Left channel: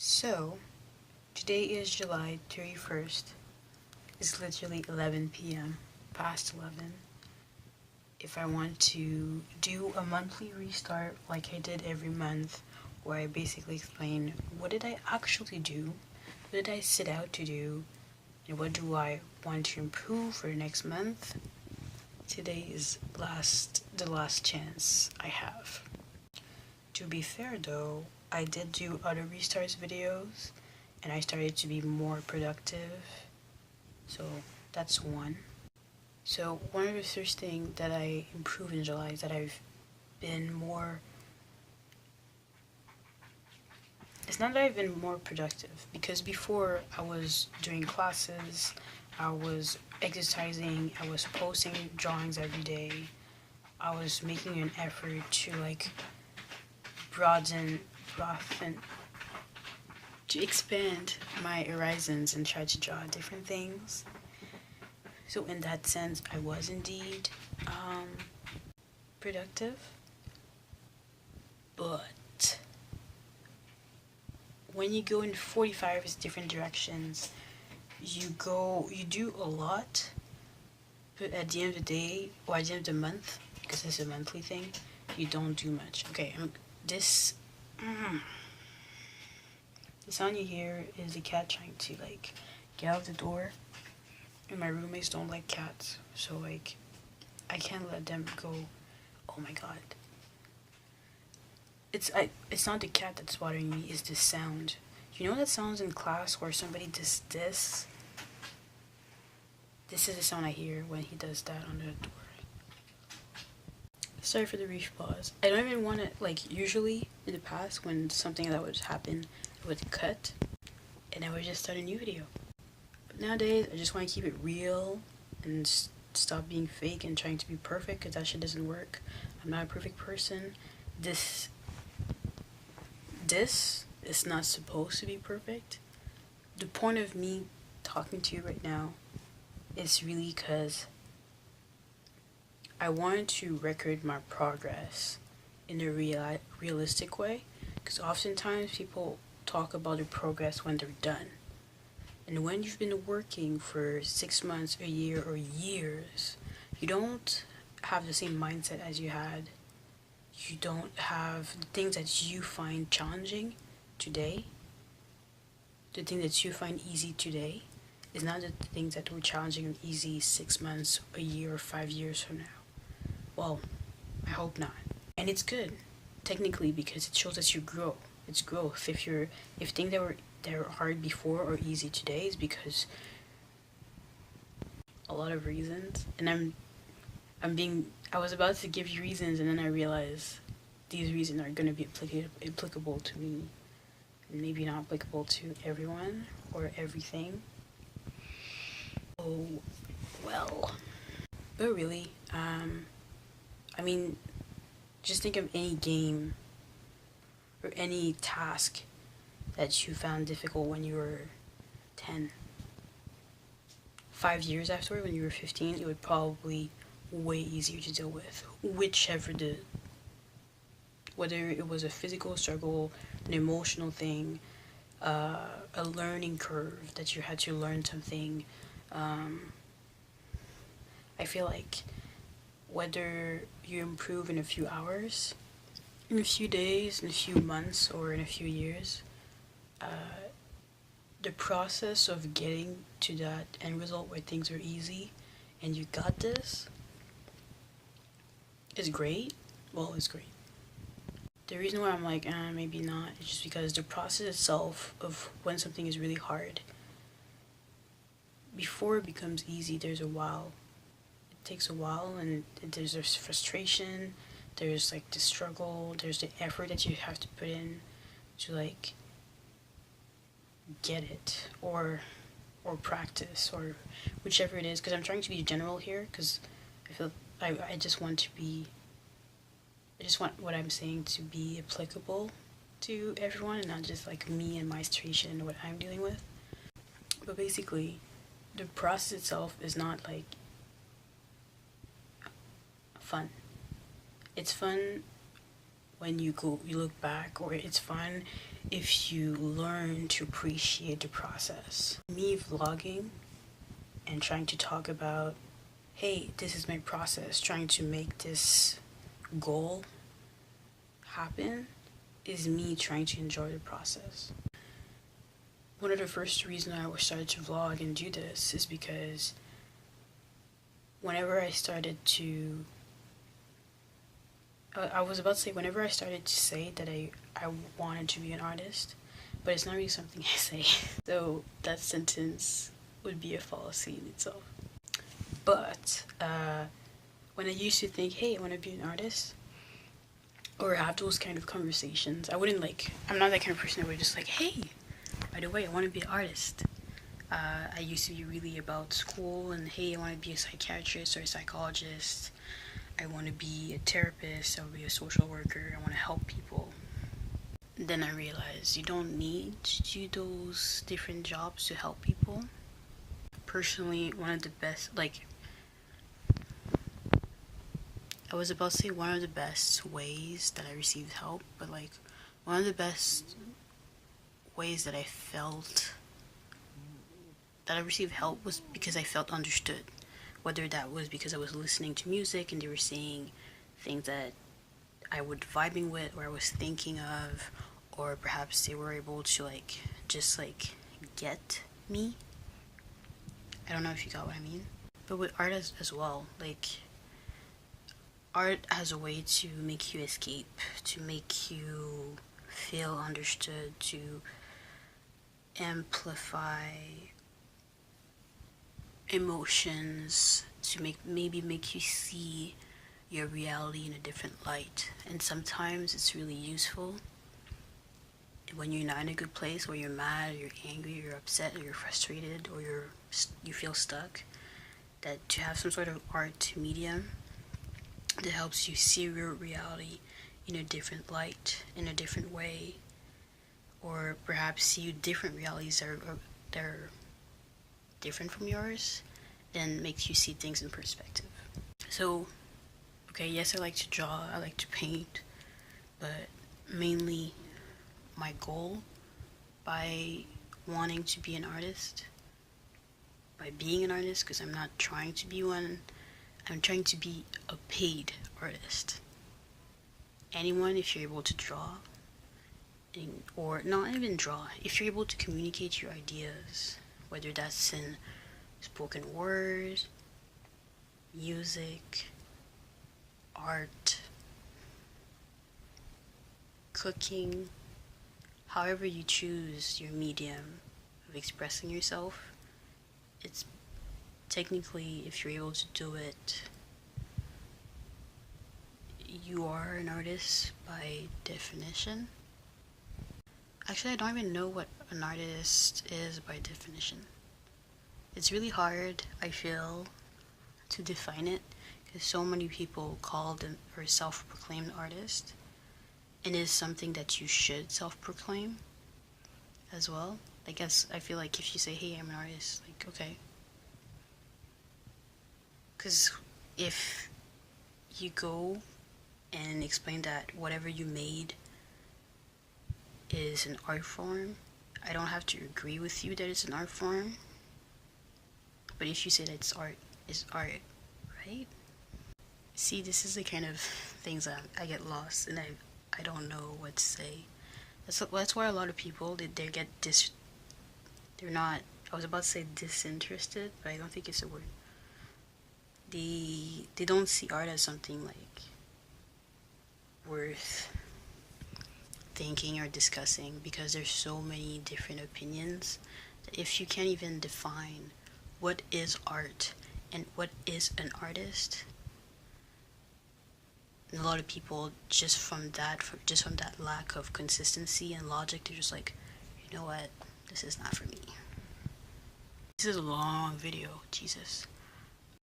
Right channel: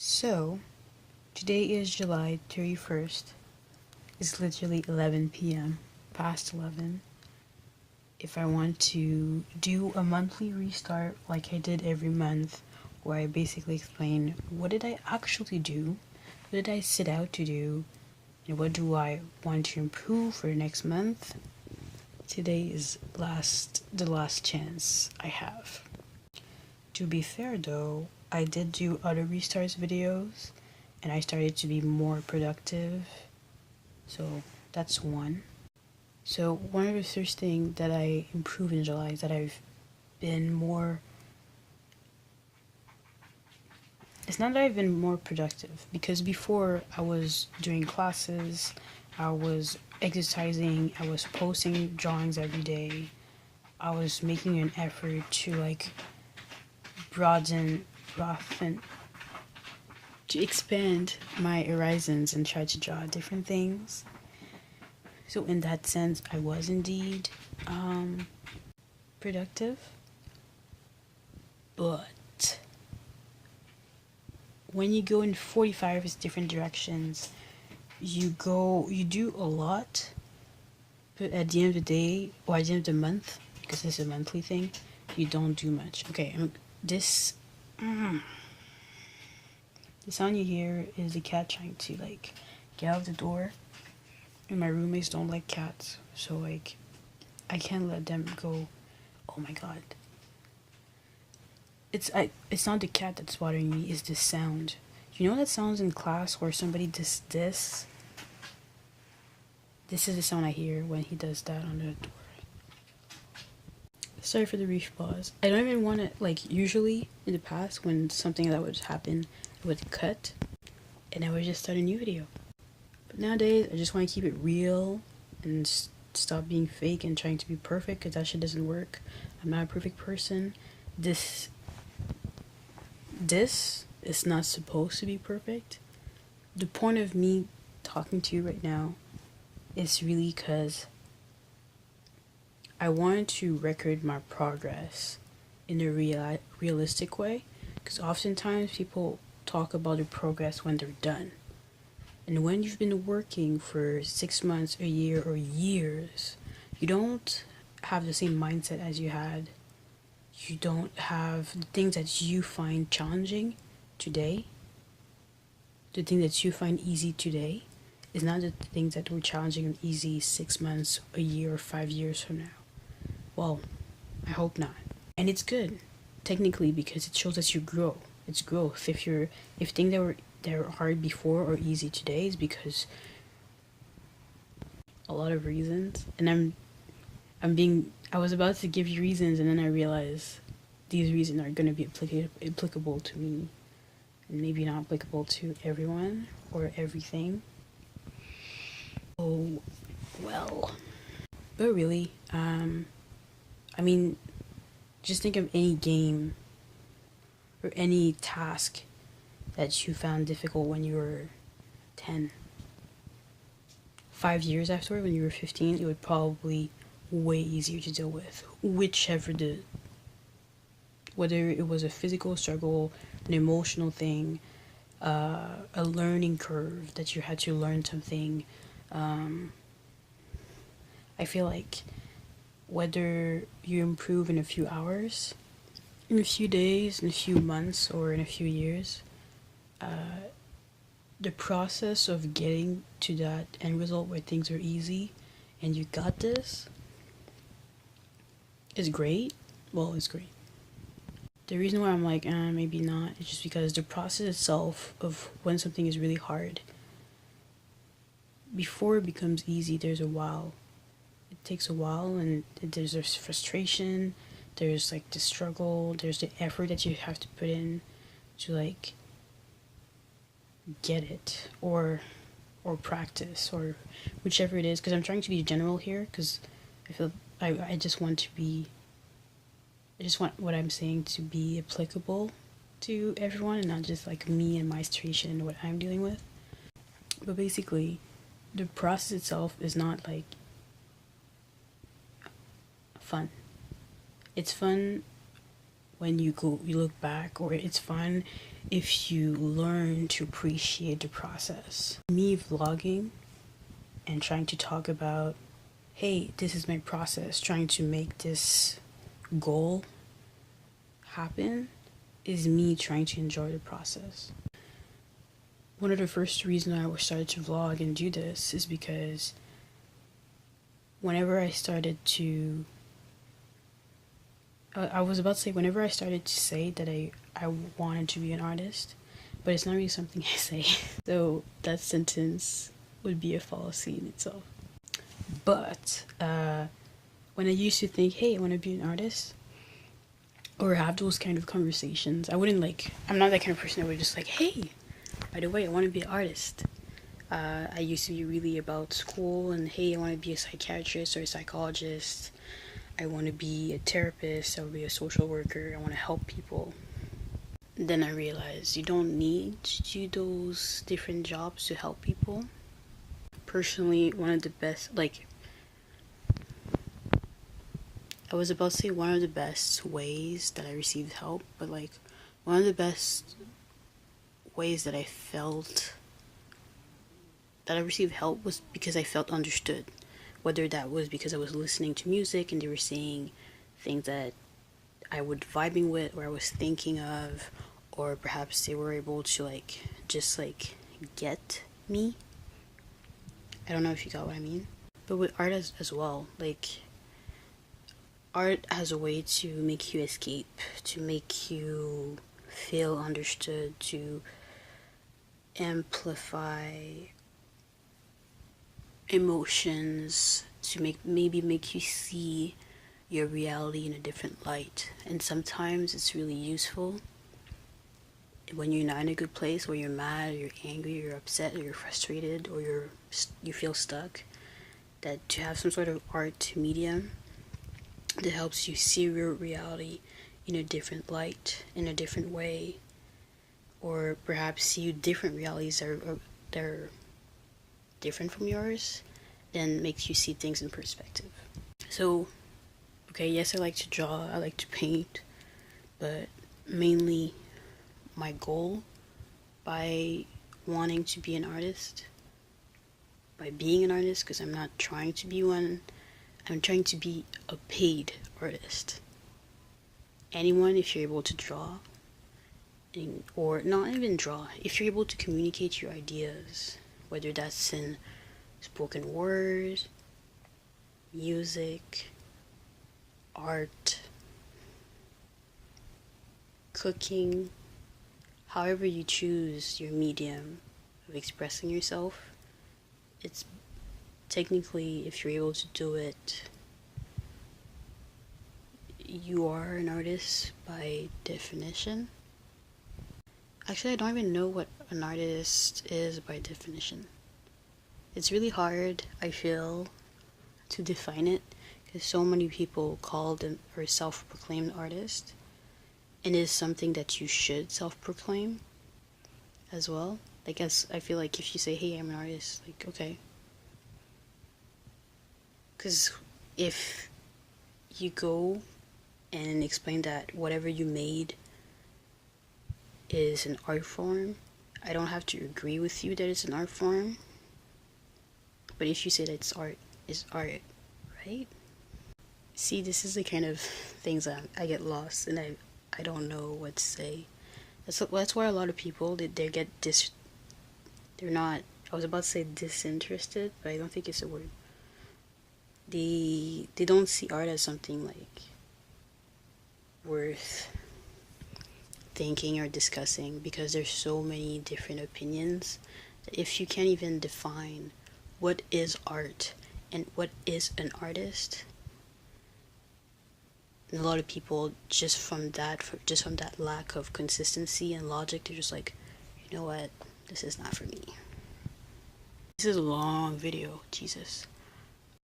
So, today is July 31st. It's literally 11 p.m., past 11. If I want to do a monthly restart like I did every month, where I basically explain what did I actually do, what did I set out to do, and what do I want to improve for the next month, today is the last chance I have. To be fair though, I did do other restarts videos and I started to be more productive. So that's one. So one of the first things that I improved in July is that I've been more... It's not that I've been more productive, because before I was doing classes, I was exercising, I was posting drawings every day, I was making an effort to broaden, to expand my horizons and try to draw different things. So in that sense, I was indeed productive. But when you go in 45 different directions, you do a lot, but at the end of the day, or at the end of the month, because this is a monthly thing, you don't do much. Okay, the sound you hear is the cat trying to get out of the door, and my roommates don't like cats, so I can't let them go. Oh my god. It's not the cat that's bothering me, it's the sound. You know that sounds in class where somebody does this? This is the sound I hear when he does that on the door. Sorry for the brief pause. I don't even want to, usually in the past when something that would happen, it would cut and I would just start a new video. But nowadays, I just want to keep it real and stop being fake and trying to be perfect, because that shit doesn't work. I'm not a perfect person. This is not supposed to be perfect. The point of me talking to you right now is really because I wanted to record my progress in a realistic way, because oftentimes people talk about the progress when they're done. And when you've been working for 6 months, a year, or years, you don't have the same mindset as you had. You don't have the things that you find challenging today. The thing that you find easy today is not the things that were challenging and easy 6 months, a year, or 5 years from now. Well, I hope not. And it's good, technically, because it shows that you grow. It's growth. If things that were hard before are easy today, is because a lot of reasons. And I was about to give you reasons, and then I realized these reasons are going to be applicable to me, and maybe not applicable to everyone or everything. Oh, well. But really, just think of any game or any task that you found difficult when you were 10. 5 years after, when you were 15, it would probably way easier to deal with. Whether it was a physical struggle, an emotional thing, a learning curve that you had to learn something. I feel like whether you improve in a few hours, in a few days, in a few months, or in a few years, the process of getting to that end result where things are easy and you got this is great. Well, it's great. The reason why I'm maybe not, is just because the process itself of when something is really hard, before it becomes easy, there's a while. It takes a while, and there's frustration, there's the struggle, there's the effort that you have to put in to get it, or practice, or whichever it is, because I'm trying to be general here, because I feel I just want what I'm saying to be applicable to everyone, and not just me and my situation and what I'm dealing with. But basically, the process itself is not fun. It's fun when you look back, or it's fun if you learn to appreciate the process. Me vlogging and trying to talk about, hey, this is my process, trying to make this goal happen, is me trying to enjoy the process. One of the first reasons I started to vlog and do this is because whenever I started to say that I wanted to be an artist, but it's not really something I say. So that sentence would be a fallacy in itself. But when I used to think, hey, I want to be an artist, or have those kind of conversations, I'm not that kind of person that would just like, hey, by the way, I want to be an artist. I used to be really about school and, hey, I want to be a psychiatrist or a psychologist. I want to be a therapist. I want to be a social worker. I want to help people. Then I realized you don't need to do those different jobs to help people. Personally, one of the best, I was about to say one of the best ways that I received help, but one of the best ways that I felt that I received help was because I felt understood. Whether that was because I was listening to music and they were saying things that I was vibing with or I was thinking of, or perhaps they were able to just get me. I don't know if you got what I mean. But with art as well, art has a way to make you escape, to make you feel understood, to amplify emotions, to maybe make you see your reality in a different light. And sometimes it's really useful when you're not in a good place, or you're mad, or you're angry, or you're upset, or you're frustrated, or you feel stuck, that to have some sort of art medium that helps you see your reality in a different light, in a different way, or perhaps see different realities that are different from yours, then makes you see things in perspective. So, okay, yes, I like to draw, I like to paint, but mainly my goal by wanting to be an artist, by being an artist, because I'm not trying to be one, I'm trying to be a paid artist. Anyone, if you're able to draw, or not even draw, if you're able to communicate your ideas, whether that's in spoken word, music, art, cooking, however you choose your medium of expressing yourself, it's technically, if you're able to do it, you are an artist by definition. Actually, I don't even know what an artist is by definition. It's really hard, I feel, to define it, because so many people call them or self-proclaimed artist, and it is something that you should self-proclaim as well. I feel like if you say, hey, I'm an artist, okay. Because if you go and explain that whatever you made is an art form, I don't have to agree with you that it's an art form. But if you say that it's art, right? See, this is the kind of things that I get lost, and I don't know what to say. That's why a lot of people, they're not, I was about to say disinterested, but I don't think it's a word. They don't see art as something worth thinking or discussing, because there's so many different opinions that if you can't even define what is art and what is an artist, and a lot of people just from that lack of consistency and logic, they're just like, you know what, this is not for me. This is a long video, Jesus.